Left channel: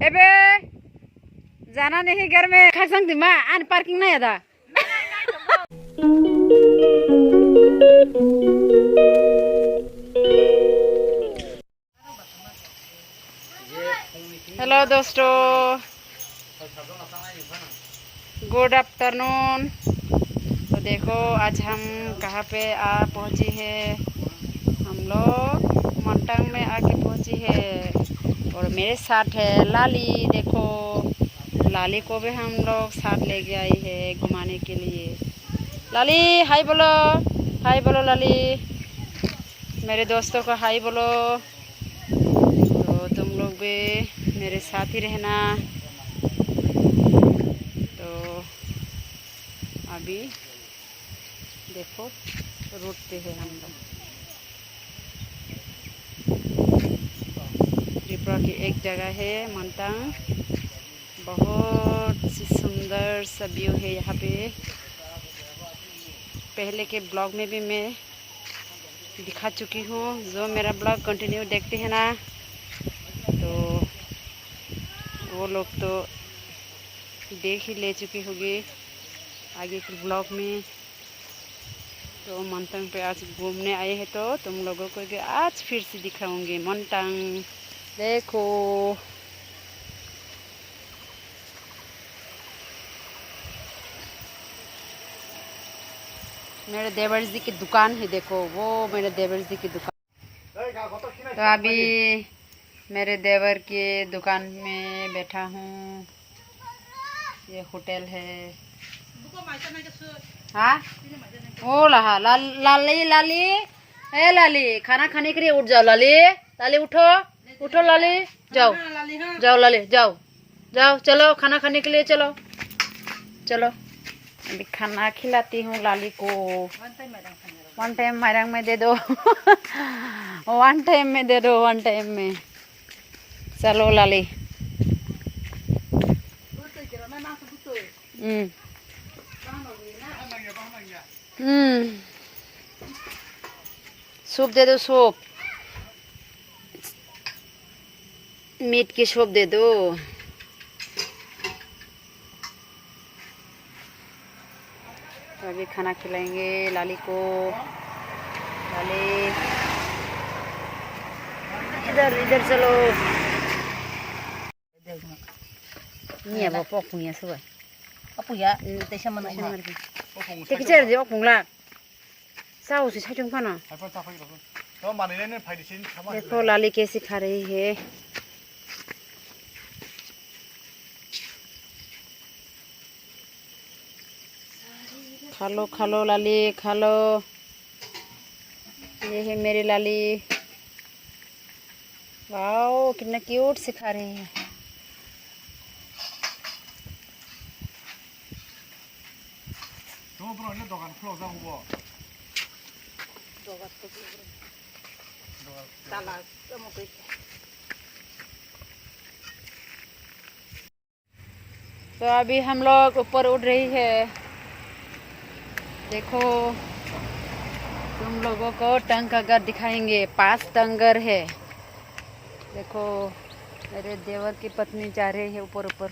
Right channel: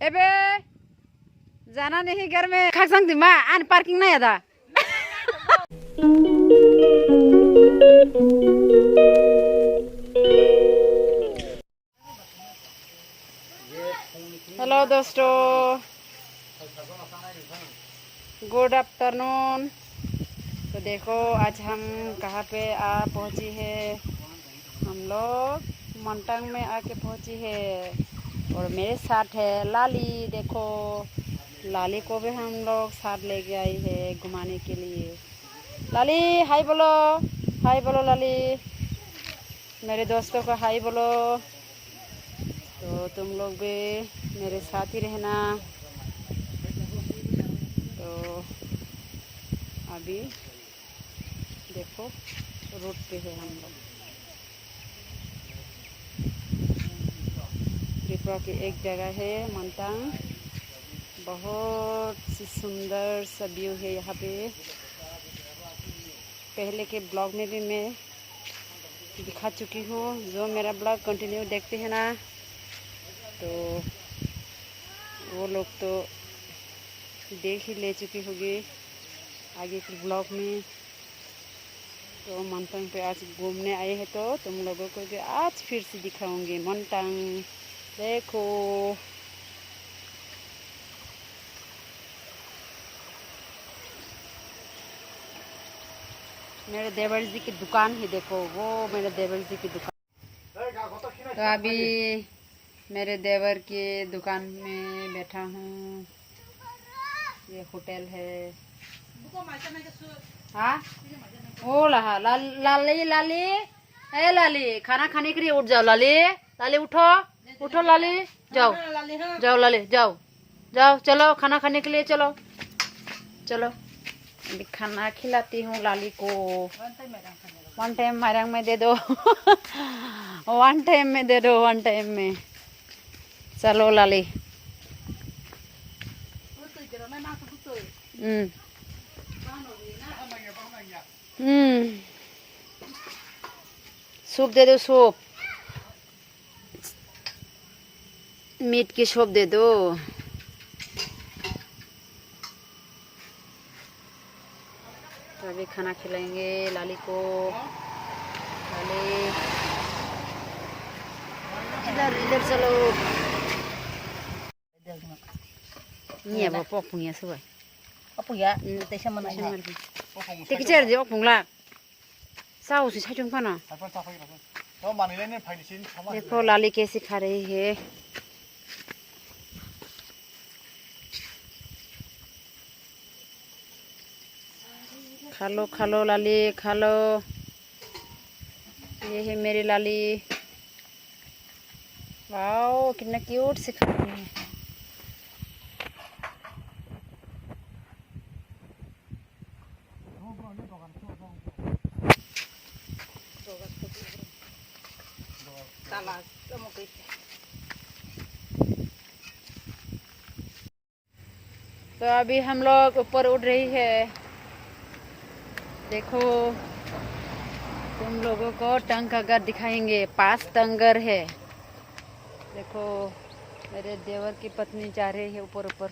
एबे जाना नहीं घर में खसंग दिमा आन पार्किंग नहीं आदा। हेलो दोस्तों, गुड आफ्टरनून। तो देखो आज हम कहाँ पे पहुँची है। हम लोग मंटांग में आके पहुँची है और मेरे साथ है लाली। देखो लाली को भी हम लोग साथ लेके आई है घुमाने के लिए। लाली हाय बोलो, हाय बोलो लाली, मेरे दोस्तों को हाय बोलो। तो तुम लोग भी मेरे साथ ही रहना। तो अभी देखो रूट पे है हम लोग। त्रिपुरा की एक जगह है मंटांग, बहुत सी सुंदर सा व्यू है यहाँ पे। पहले के ब्लॉग में भी मैं दिखा चुकी हूँ, जो मेरा ब्लॉग कंटिन्यू देखते हैं ना तो वो लोग तो देख ही ले चुकी होगी आगे के ब्लॉग में। तो मंटांग पे आज घूमने आए हैं तो तुम लोगों को भी आज फिर से दिखाऊंगी मंटांग। देखो मेरे देवर जी की दुकान है, देखो वो मेरे देवर जी की दुकान। तो अभी मेरे देवर के दुकान में बैठा हूँ। ये होटल है। हाँ ओ लहा लाली लाली, ए लाली खाना खाने के लिए उठ जाओ। लाली लाली उठो उठो लाली, जाओ जाओ लाली जाओ जाओ, चलो खाना खाने के लिए चलो चलो। अभी खाना खिलाती हूँ लाली को। वन टाइम मैरंग में दे दो वन टाइम में दे दो, वन टाइम में। चलो लाली। सूप दे दो, सूप मीट की सूप दे दो। तो अभी खाना खिलाएंगे लाली को। लाली इधर इधर चलो। Nia bawa pokoknya suai. Apa ya? Tesa mana ini? Teki cari dia pokok lah. Sao sih cuma kana? देखो लाली कैसे खा रही है। खा लो लाली खा लो। ये है मेरी लाली। वाओ कितना क्यूट से खा रही है। तो अभी हम लोग ऊपर उड़ रही है। देखो तुम लोगों को टंगघर दिखाएंगे, 5 टंगर है। देखो मेरे देवर की पत्नी जा रही है ऊपर ऊपर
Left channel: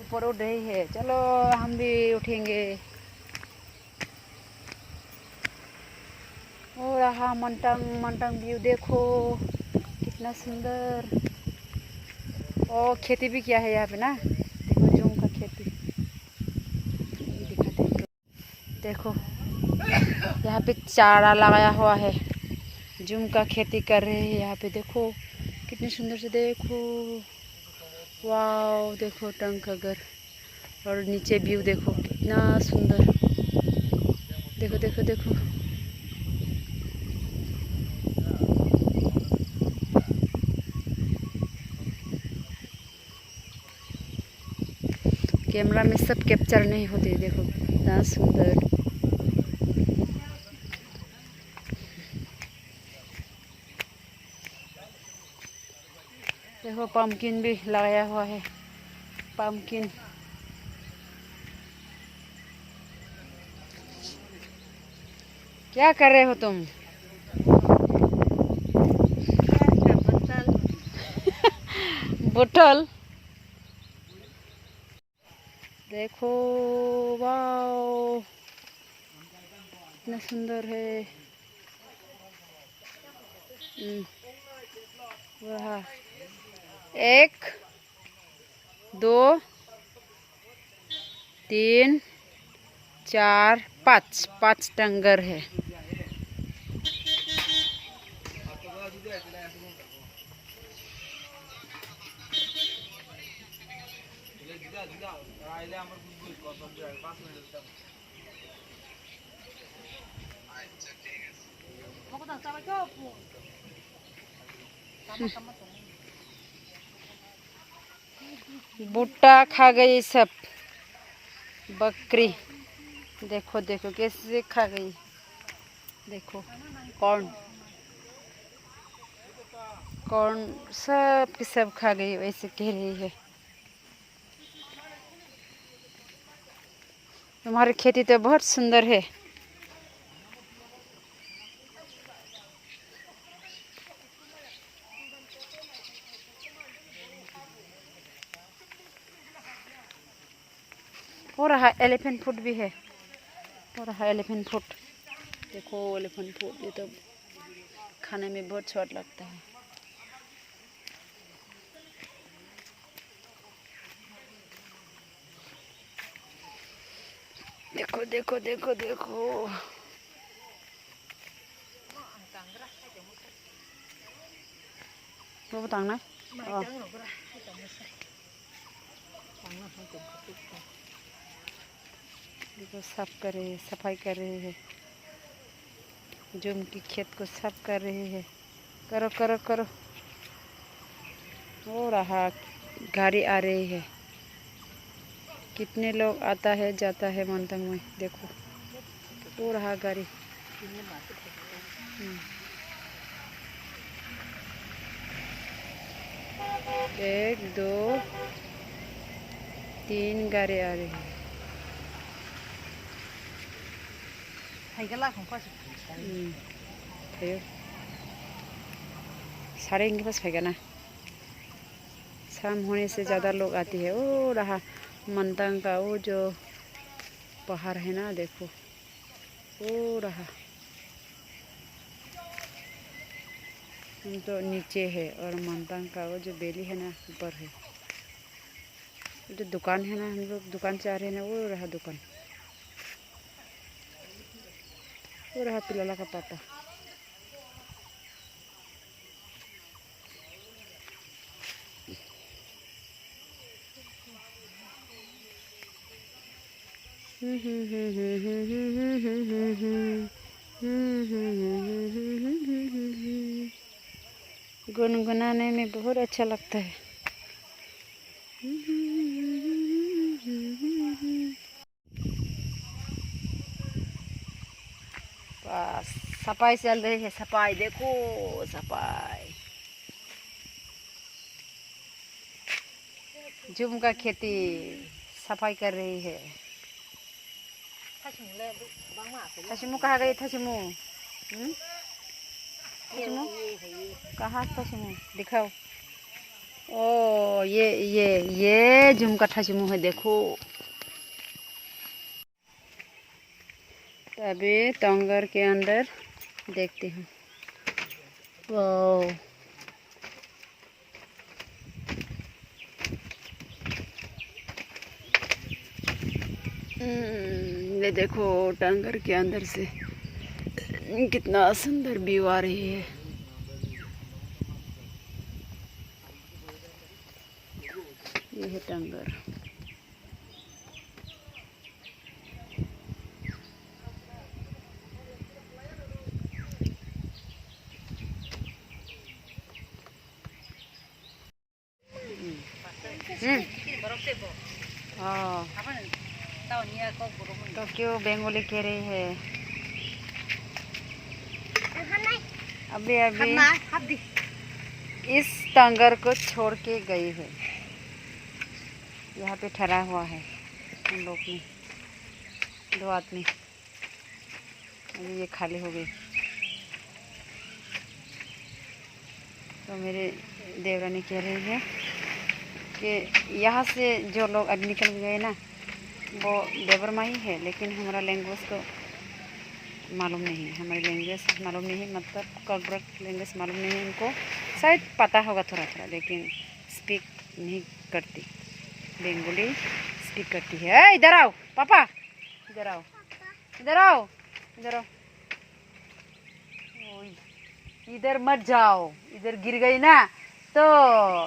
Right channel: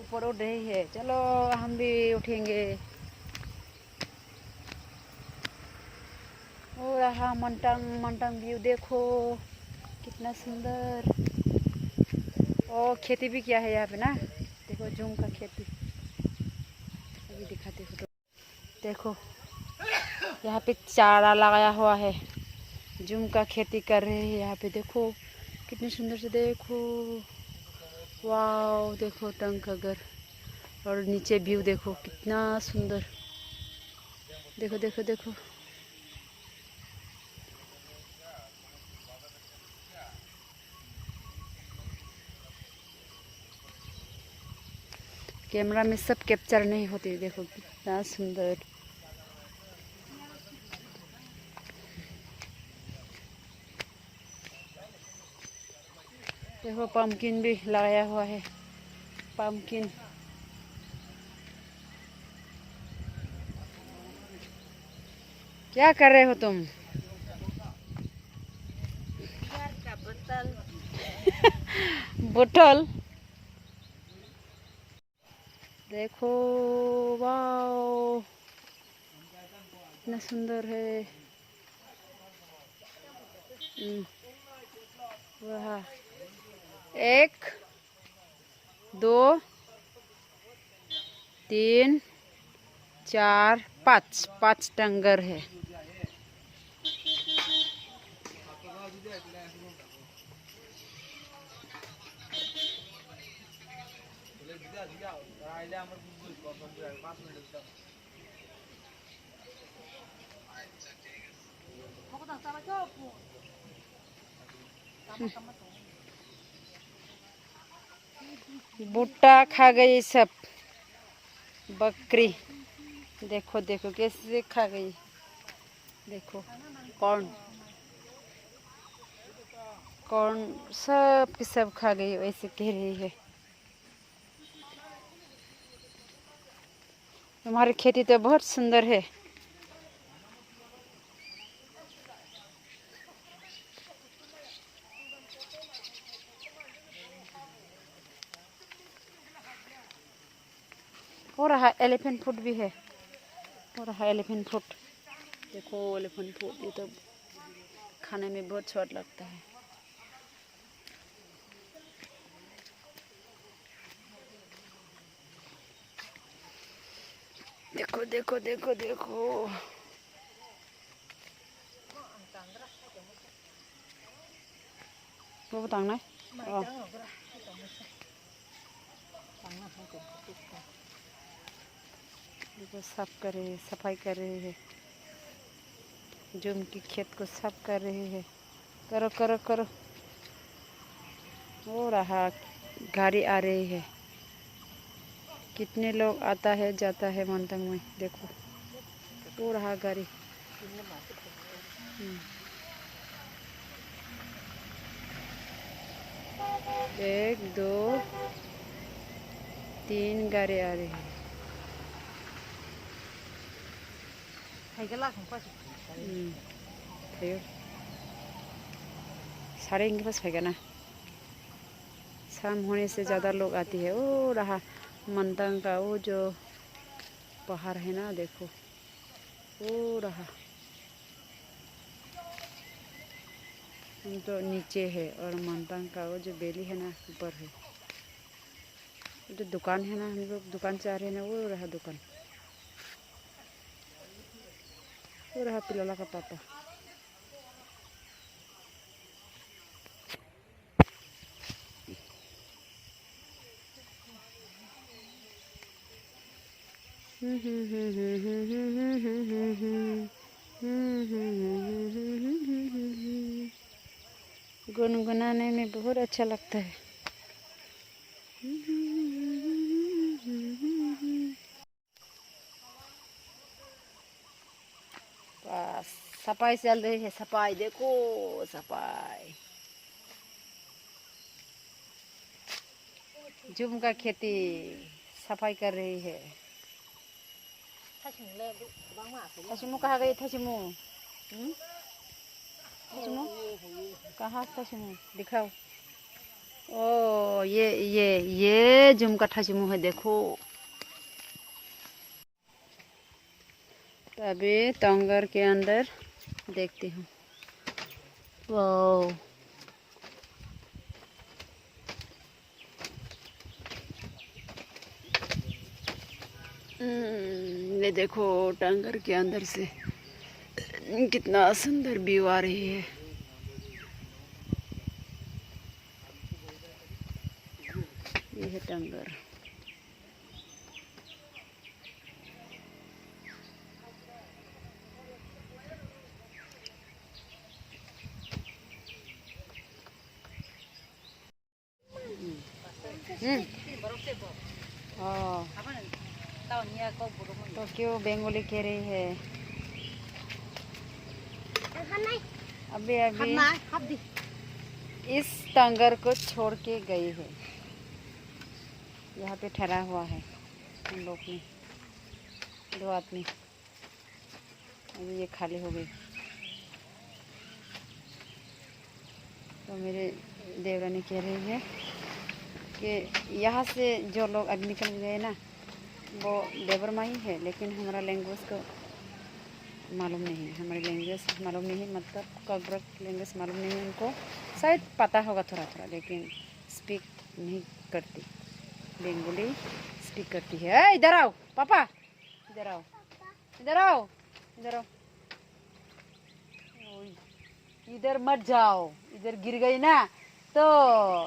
ऊपर उड़ रही है। चलो हम भी उठेंगे। और रहा मंटांग व्यू देखो कितना सुंदर। और खेती भी किया है यहाँ पे ना, देखो जूम का खेती दिखाते हैं। देखो यहाँ पे चारा लगाया हुआ है, जूम का खेती कर रहे हैं यहाँ पे। देखो कितनी सुंदर से, देखो वाव। देखो टंग का घर और नीचे व्यू देखो कितना सुंदर। देखो देखो देखो कैमरा में सब कैप्चर नहीं होते। देखो कितना सुंदर। देखो पम्पकिन भी लगाया हुआ है, पम्पकिन। क्या कर रहे हो तुम? बोतल देखो, वाओ इतना सुंदर है। वाह, 1 2 3 4 5 टंगर है। भुट्टा खा गई सब बकरी। देखो देखो कैसे खा गई, देखो कौन कौन सब की सब खा गई, वैसे कह रही है। तुम्हारी खेती तो बहुत सुंदर है। हो रहा एलिफेंट फूड भी है, हो रहा एलिफेंट फूड। देखो एलिफेंट फूड, ये तो खाने में बहुत स्वाद लगता है। देखो देखो देखो देखो, वो बताना है। देखो साफ कर रहे हैं, सफाई कर रहे हैं, जुम की खेत को साफ कर रहे हैं। करो करो करो। हो रहा गाड़ी आ रही है। कितने लोग आता है जाता है मंतंग में, देखो हो रहा गाड़ी। 1 2 3 गाड़ी आ रही है। साढ़े इनके पास फेंका ना, शाम होने से ज़्यादा लोग आती है। वो रहा मंतंग का वो जो पहाड़ है ना, देखो वो रहा। हम तो नीचे है और मंतंग का वो जो बेली है ना ऊपर है। जो दुकान है ना, हम लोग दुकान से आ रहे हैं ना, वो रहा दुकान, वो रहा पिलाला का पापा। गुनगुनाने में बहुत अच्छा लगता है। बस सफाई चल रही है, सफाई देखो सफाई। जुम का खेती सफाई कर रही है। थसिमु कहाँ गई? थसिमु थसिमु कहाँ? थसिमु दिखाओ। ओ ये जुम का थसिमु है, देखो। तो अभी टंगर के अंदर देखती हूँ। वाह, ये देखो टंगर के अंदर से कितना सुंदर व्यू आ रही है। ये है टंगर। तो क्यों बेंगोली कह रही है? अभी अभी इस टंगर को छोड़ के गई है। यहाँ पे ठहरा हुआ है हम लोग में 2 आदमी। अभी ये खाली हो गई। तो मेरे देवरानी कह रही है कि यहाँ से जो लोग अब निकल गए ना वो देवरमा ही है, लेकिन हमारा लैंग्वेज को मालूम नहीं है, हमारी लैंग्वेज मालूम नहीं है, मतलब कॉकब्रक लैंग्वेज मालूम नहीं है उनको। शायद पता होगा थोड़ा थोड़ा, लेकिन स्पीक नहीं करती। बंगाली स्पीक करती है। इधर आओ पापा, इधर आओ, इधर आओ, इधर आओ। इधर मत जाओ, इधर गिर गई ना तो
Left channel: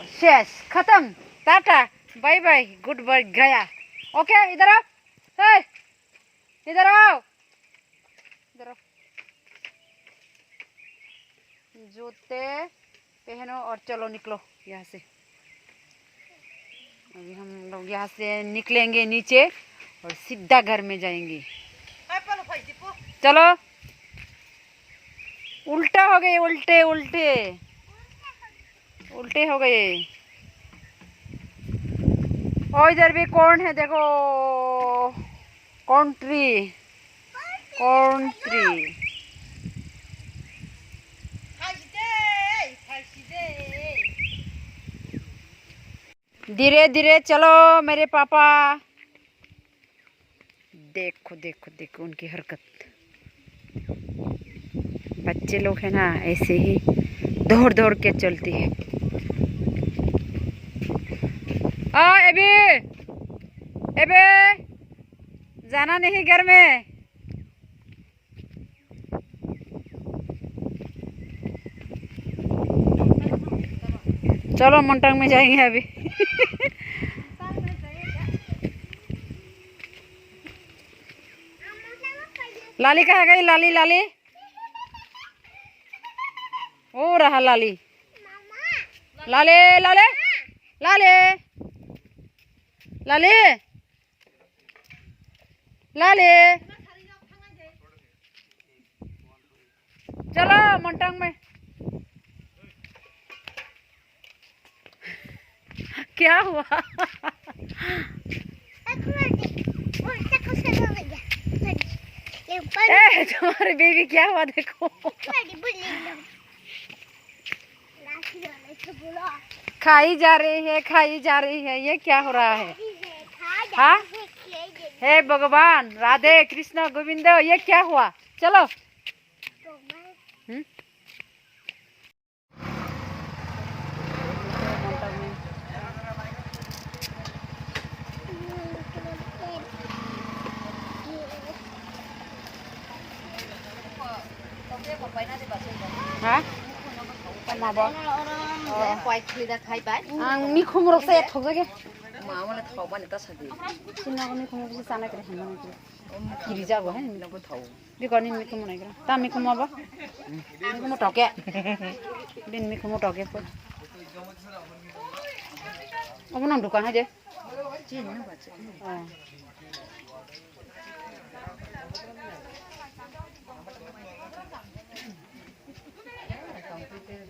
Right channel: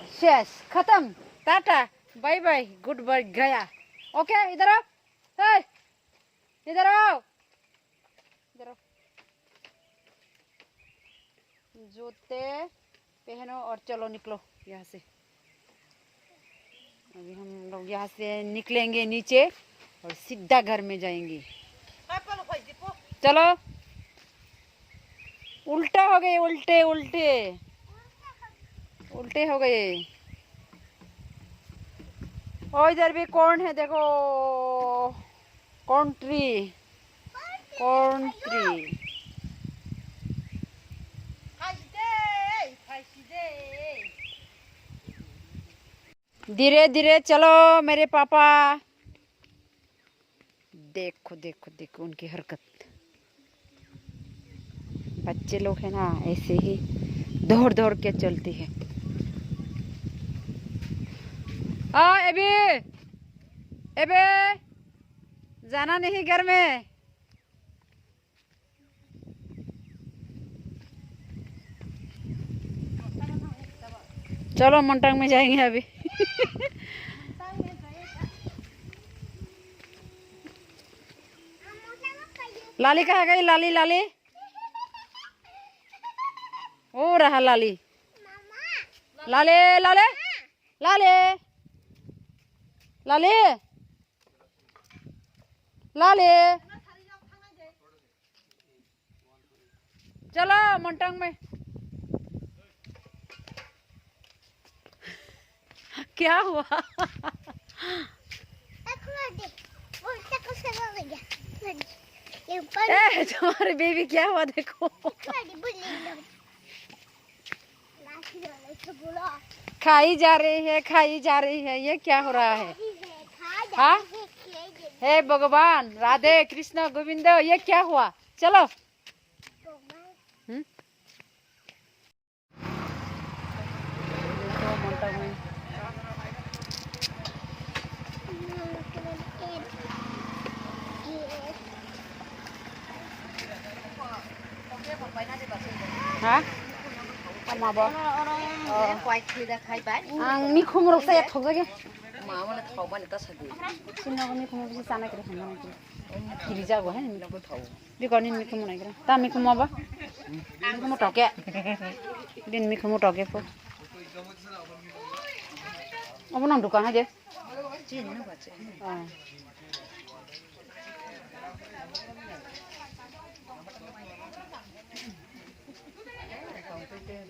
शेष खत्म, टाटा बाय बाय गुड बाय गया। ओके इधर आओ, इधर आओ, इधर आओ। जूते पहनो और चलो निकलो यहाँ से। अभी हम लोग यहाँ से निकलेंगे नीचे और सीधा घर में जाएंगे। चलो, उल्टा हो गए, उल्टे उल्टे उल्टे हो गए। और इधर भी कौन है देखो, कौन ट्री, कौन ट्री। धीरे धीरे चलो मेरे पापा। देखो देखो देखो उनकी हरकत। बच्चे लोग है ना ऐसे ही दौड़ दौड़ के चलती है। एबे एबे जाना नहीं घर में। चलो मंटांग में जाएंगे अभी। लाली कहाँ गई, लाली लाली, ओ रहा लाली, लाले लाले लाले लाले लाले। चलो मंटांग में। क्या हुआ? तुम्हारी बेबी क्या हुआ देखो। खाई जा रही है, खाई जा रही है, ये क्या हो रहा है? हाँ, हे भगवान, राधे कृष्ण गोविंद, ये क्या हुआ? चलो। हाँ 미콩으로 써야 터지게. 마음을 더 많이 따서디. 신나고 미콩으로 싸나 그래 하면 길이자고 해. 이런 거 더워. 비거니 미콩 뭐 그래. 다 미콩 먹어. 미콩 뭐 더게. 빈 미콩 뭐 더게 고. 어머나 두칸 하지. 지 있는 거지.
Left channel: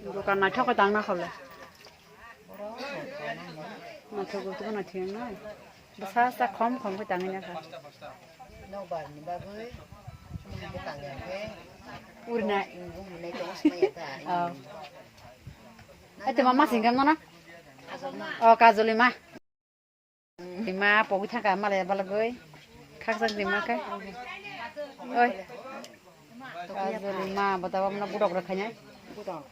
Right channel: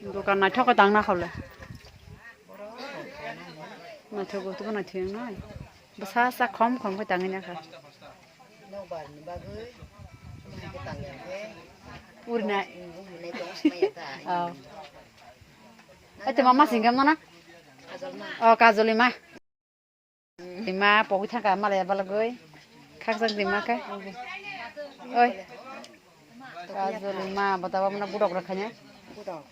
दुकान ना ठोको दांगना खाले ना ठोको तो ना थियं ना बस सा खम खम को दांगना खा नो बारनि बागै के तांगयाखै उरना उरनाय दं समायता itu mama singgam mana काजलमा oh kazolima lima pogu thaka male balagoi khakjak lima ka oi kazolima batawa mana budok rakhanya budok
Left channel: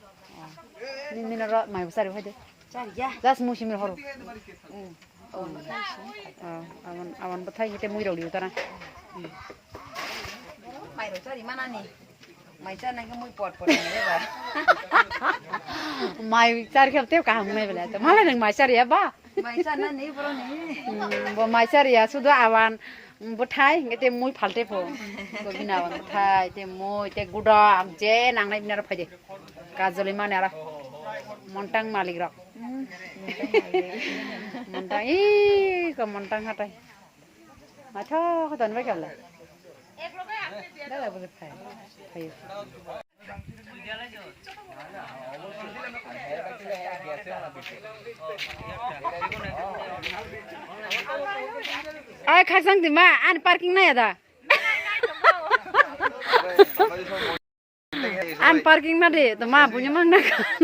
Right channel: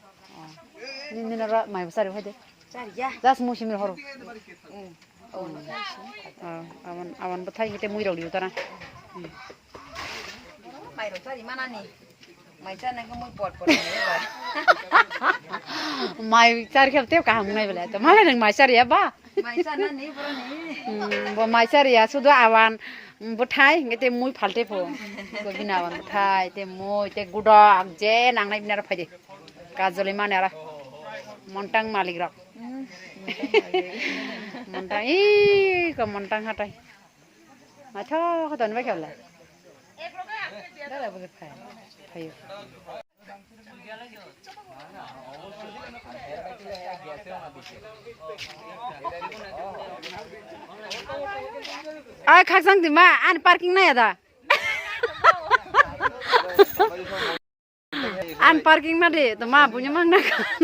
Nina mai besar itu. Cari ya. Jas musim hor. Awan awan betai kita muirau di utara. Mai cari mana nih? Mai cari yang muy pot ni ba. Mai cari kerja kah mai bela. Malah neng mai cari ya ba. Mai cari nih bro nih. Bo mai cari ya sudah awan betai kita muy falte po. Begini awan betai, kita muy, kita gudak je nang naik benar apa je. Kazoli mana lah. Montang malik rak. Montang, ke montang hatai. Macam kau tuan baik lah. Dah lah begitu kai. Kai. Ay, khasang di mana? An parking na ya dah. An parking mah deh, tuh mah punya mana kan?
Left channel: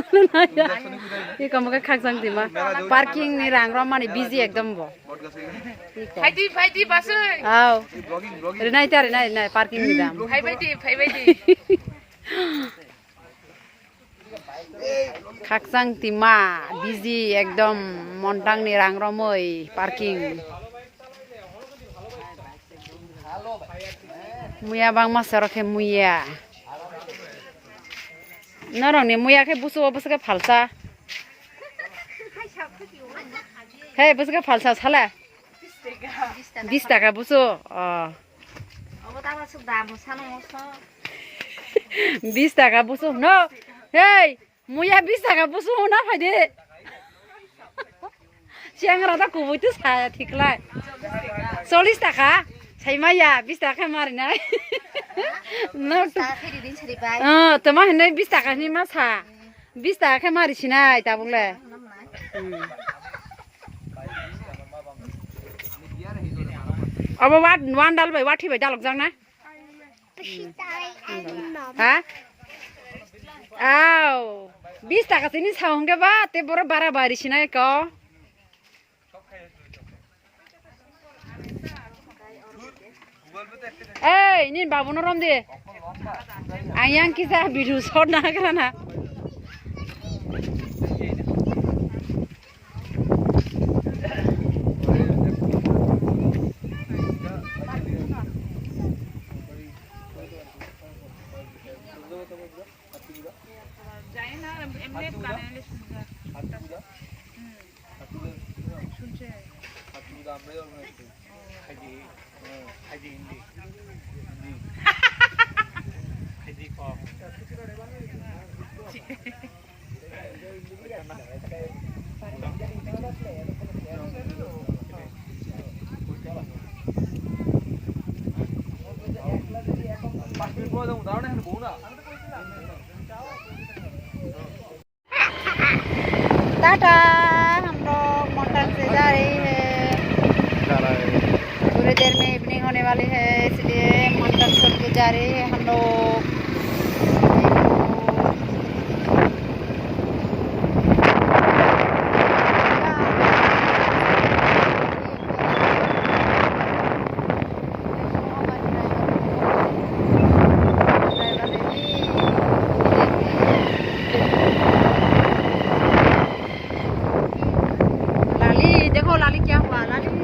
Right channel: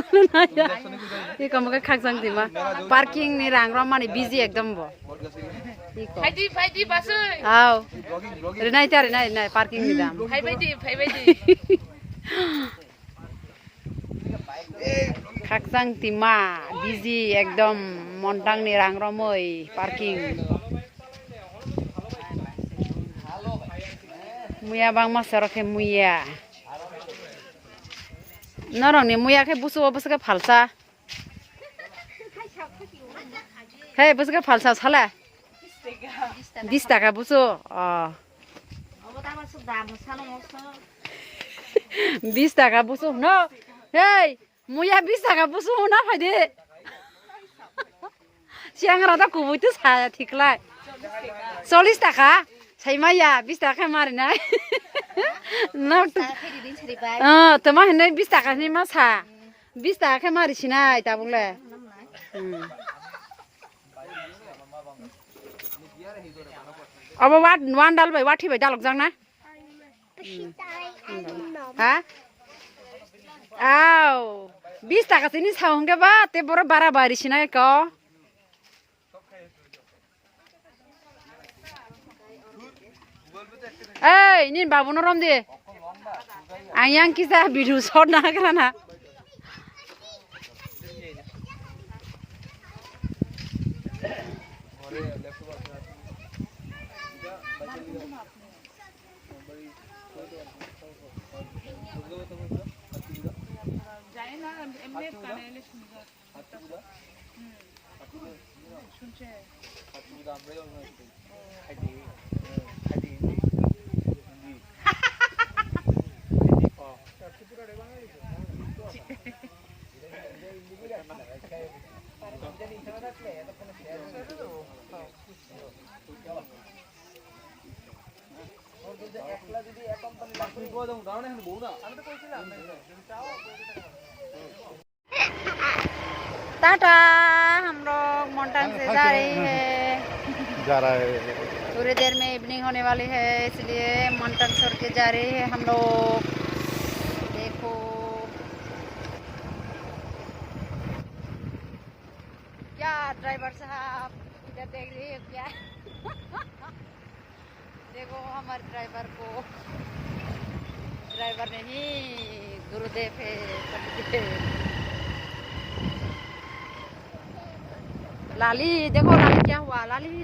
ये कम के खाक संग दिमा parking नि रांग रो माने busy एकदम बो फाइदी बस आओ रे नाइ तारे नाइ पार्किंग नि दाम फाइबायदि खाक संग तिमा बिजी एकदम मोंटांग नि रांग रो मै पार्किंग मुया बांग मासा रखे मुया नरंनि मुया के बुसु के फालसा हे बुसु के फालसा छला 20 টাকা बुसु 20 টাকা बुसु न हे मुया 20 টাকা बुसु ना फाइदे চ্যাংরা তো কুবুইতো ছায়া ঠিকলাই 40 টাকা ছাইমাইয়া 20 টাকা মারি নাই তোমার হেনে 20 টাকা নি মাছা 20 টাকা মারিছি নাই তা বলে अब वान डाल भाई वाठी भाई डालक जाना हाँ आओ 20 টাকা से नहीं छाऊंगे बा ते बोरा 12 बारिश ना को ए नीन बाबू न रम दे आयां की जा वीडियो शॉट ना करना टाटा हम लोग मोंटांग से जा रहे हैं थोड़ी देर में इवनिंग होने वाली है इसलिए मोंटांग छोड़ के जा रहे हैं हम लोग लाली देखो लाली क्या हुआ लाली